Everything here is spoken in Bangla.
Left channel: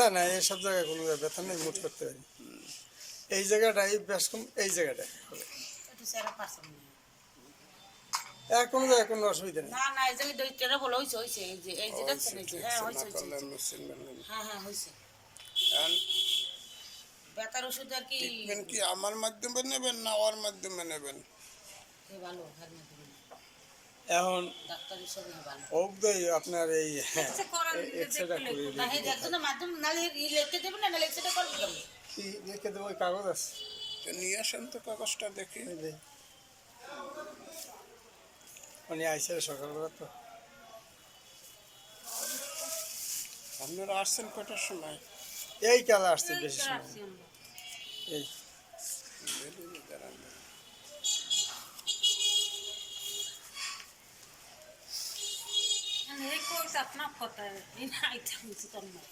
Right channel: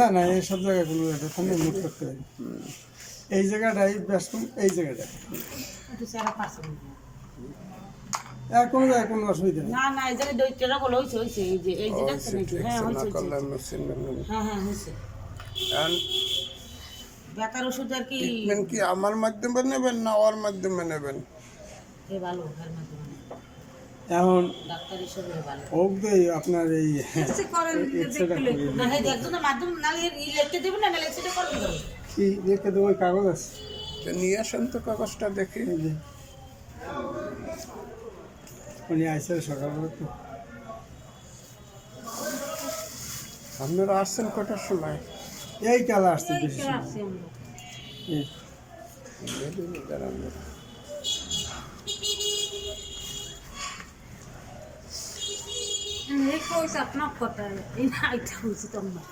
না না এইসব জায়গায় কোনো ব্যথা নেই, মুট করতে পারি। এই জায়গাটাই বেশ কম, এই জায়গাটায় কোনো জায়গায় কোনো অসুবিধা নেই। না না এই জায়গায় দইটাটা বলে হয়েছে হয়েছে এই যে এই যেটা শুনেছি। হ্যাঁ হয়েছে হ্যাঁ হ্যাঁ হয়েছে। বেকার ওষুধ আর কি ট্রিটমেন্ট কি আমার মাধ্যমে নেবেন না ওর মাধ্যমে নেবেন? ভালো ওর মাধ্যমে এখন ডাক্তার হিসেবে ভালো ওই আপনার এই না হে একজনের মাধ্যম না লিখতে দেবেন না লিখতে করবেন কি লিখে দেবো, ওই কাগজ আছে নিয়ে আসেন তো কাগজটা দেখি। উনি আইসে সকালবেলা তো। আপনারা আসছেন কটার সময়? এই কালা আসছে বেশি আপনার কথা এই না এটা হয়েছে তোমার